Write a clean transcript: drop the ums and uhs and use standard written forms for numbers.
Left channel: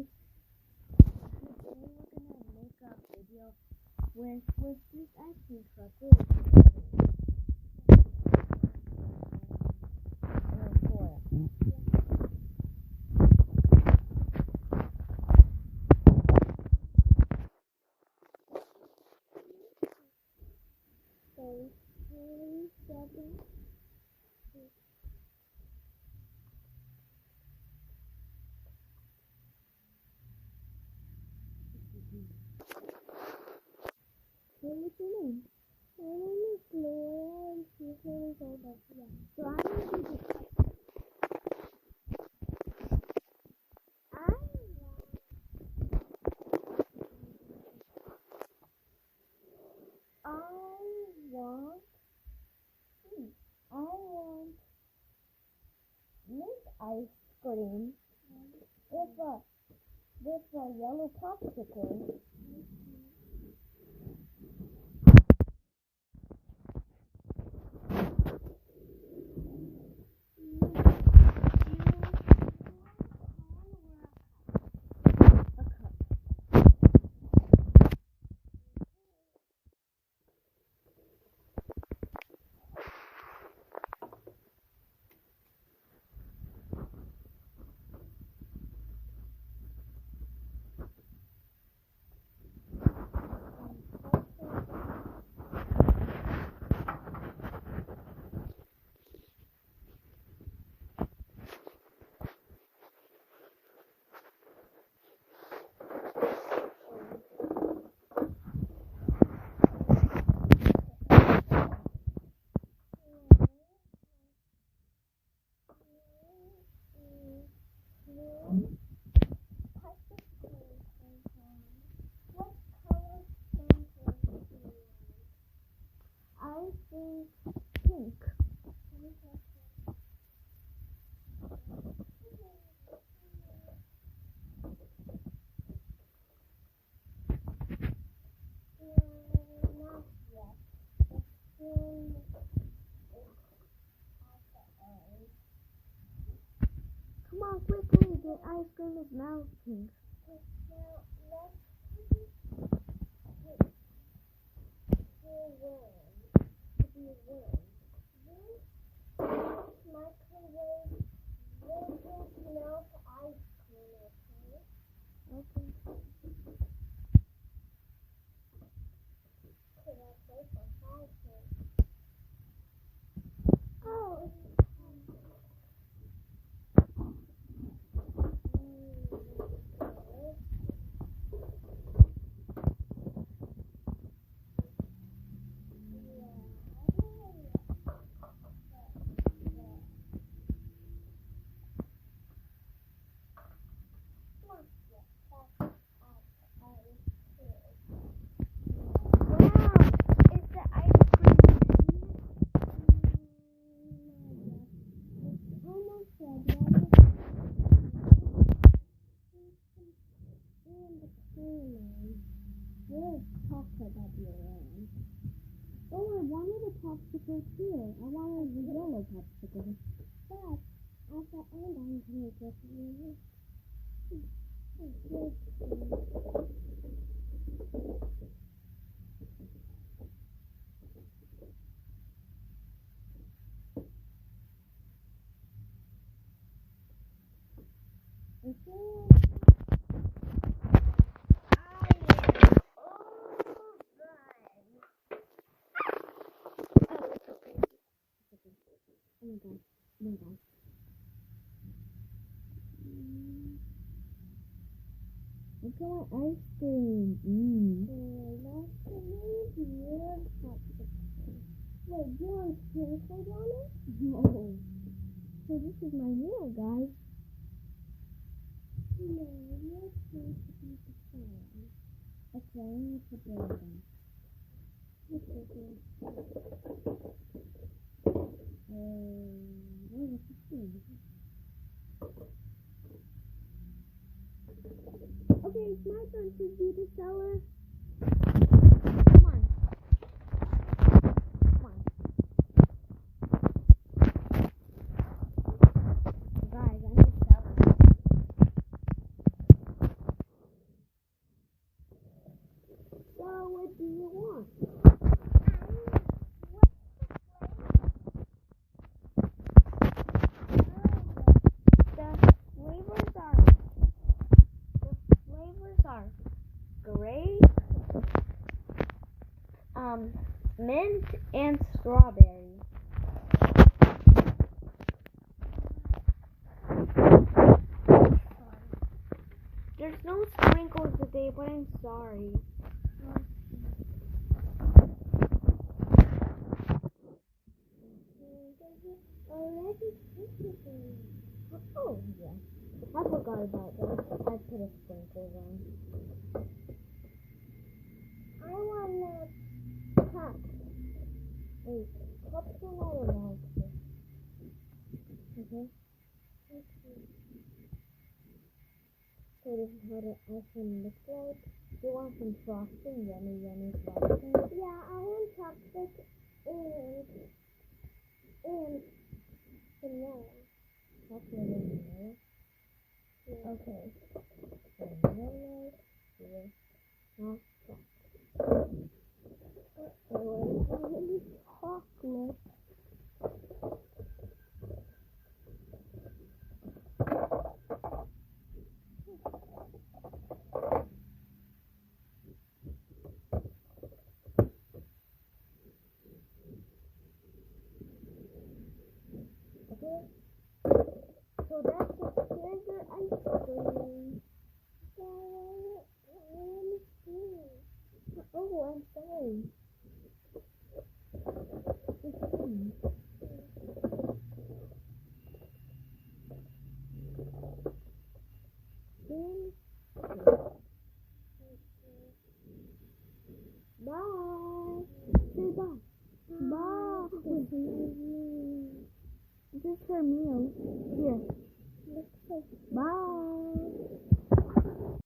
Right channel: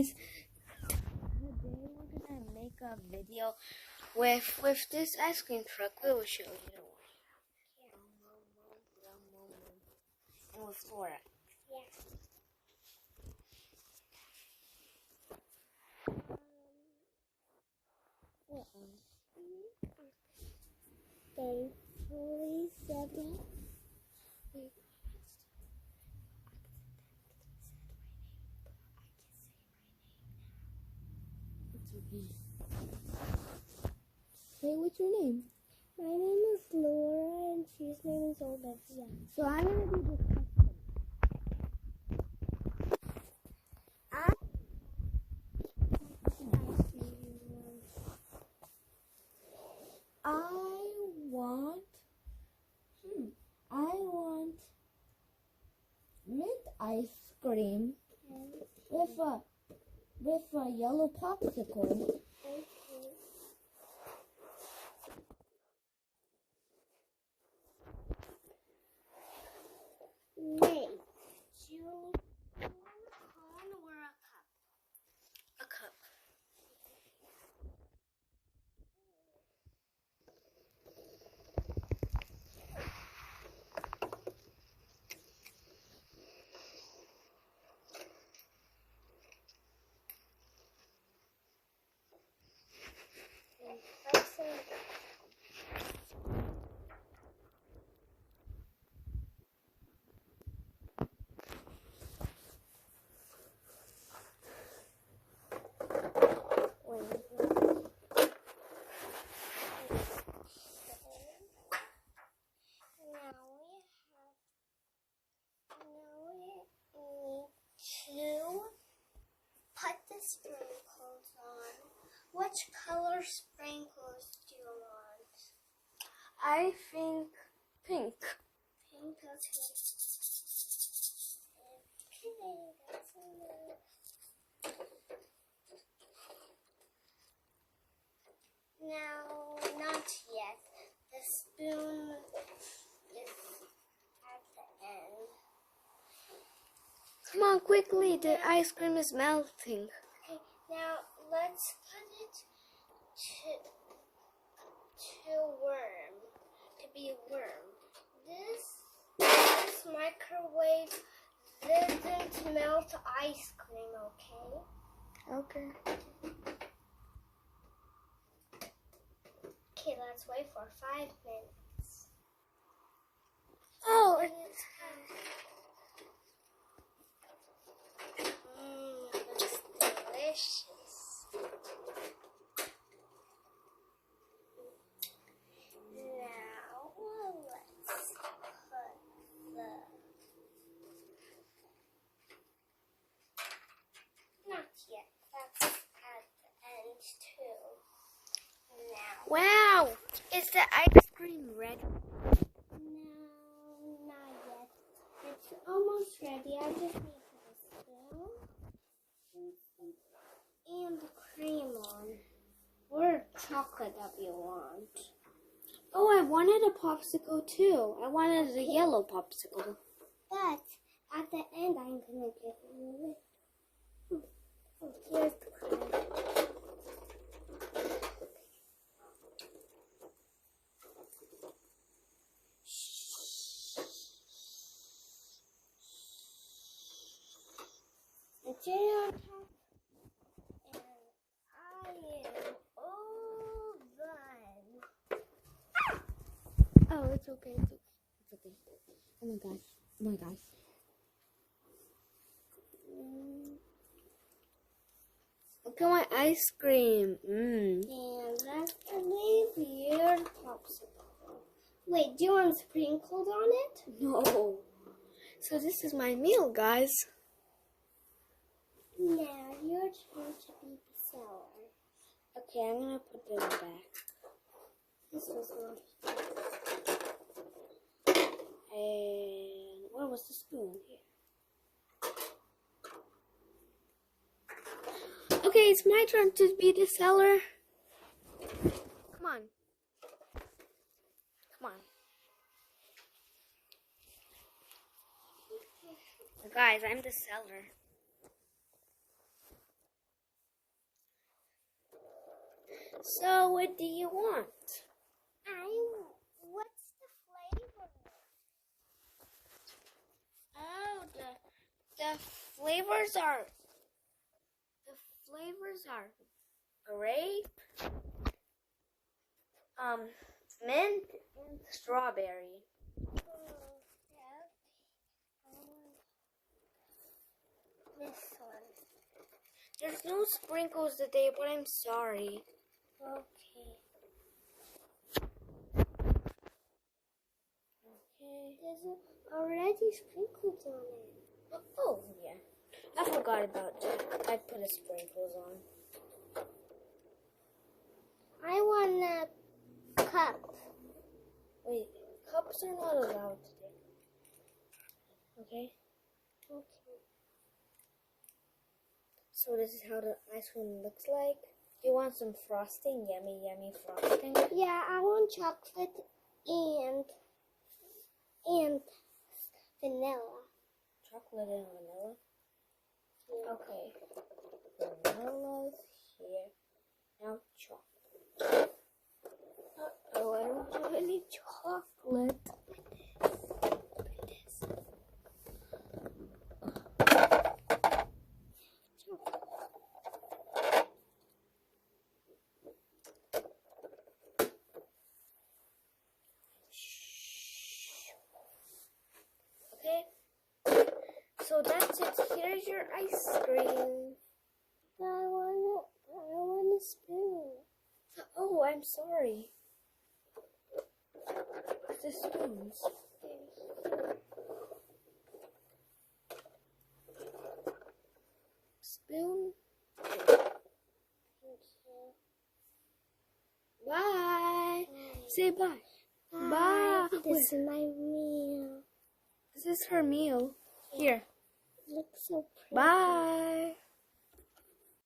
guys, today we're gonna make a video with this ice cream truck. We will show you. And with Flora. Say what's your name? My name is Laura and she's name is Olivia. So I'm gonna be the customer. I want mint ice cream with a yellow popsicle. A cup. Put the sprinkles on. Which color sprinkles do you want? I think pink. Pink, okay. Now, not yet. The spoon is at the end. Come on, quickly, the ice cream is melting. Okay, now let's put it to worm, to be worm. This microwave doesn't melt ice cream, okay? Okay. Okay, let's wait for 5 minutes. Oh, That's delicious. Now let's put the not yet. That's at the end too. Now wow! Is the ice cream ready? no, not yet. It's almost ready. I just and cream on. Or chocolate if you want. Oh, I wanted a popsicle too. I wanted a yellow popsicle. But at the end, I'm gonna get one of it. Here's the cream. It's in on top. I am all done. Oh, it's okay. It's okay. Oh my gosh. Oh my gosh. Look at my ice cream. And that's the weird popsicle. Wait, do you want sprinkles on it? No. So this is my meal, guys. Now your turn to be the seller. Okay, I'm gonna put it in the back. This was not. And where was the spoon? Here. Okay, it's my turn to be the seller. Come on. Come on. Guys, I'm the seller. So what do you want? What's the flavor? The flavors are grape, mint, and strawberry. There's no sprinkles today, but I'm sorry. There's already sprinkles on it. Oh, yeah. I forgot about that. I put the sprinkles on. I want a cup. Wait, cups are not allowed today. Okay? Okay. So this is how the ice cream looks like. Do you want some frosting? Yummy, yummy frosting. Yeah, I want chocolate and vanilla. Chocolate and vanilla. Yeah. Okay. Vanilla's here. Now chocolate. Uh-oh, I don't have any chocolate. Okay. So that's it. Here's your ice cream. I want a spoon. Oh, I'm sorry. The spoons. Spoon. Bye. Say bye. Bye. This is my meal. This is her meal. Here. Looks so pretty. Bye.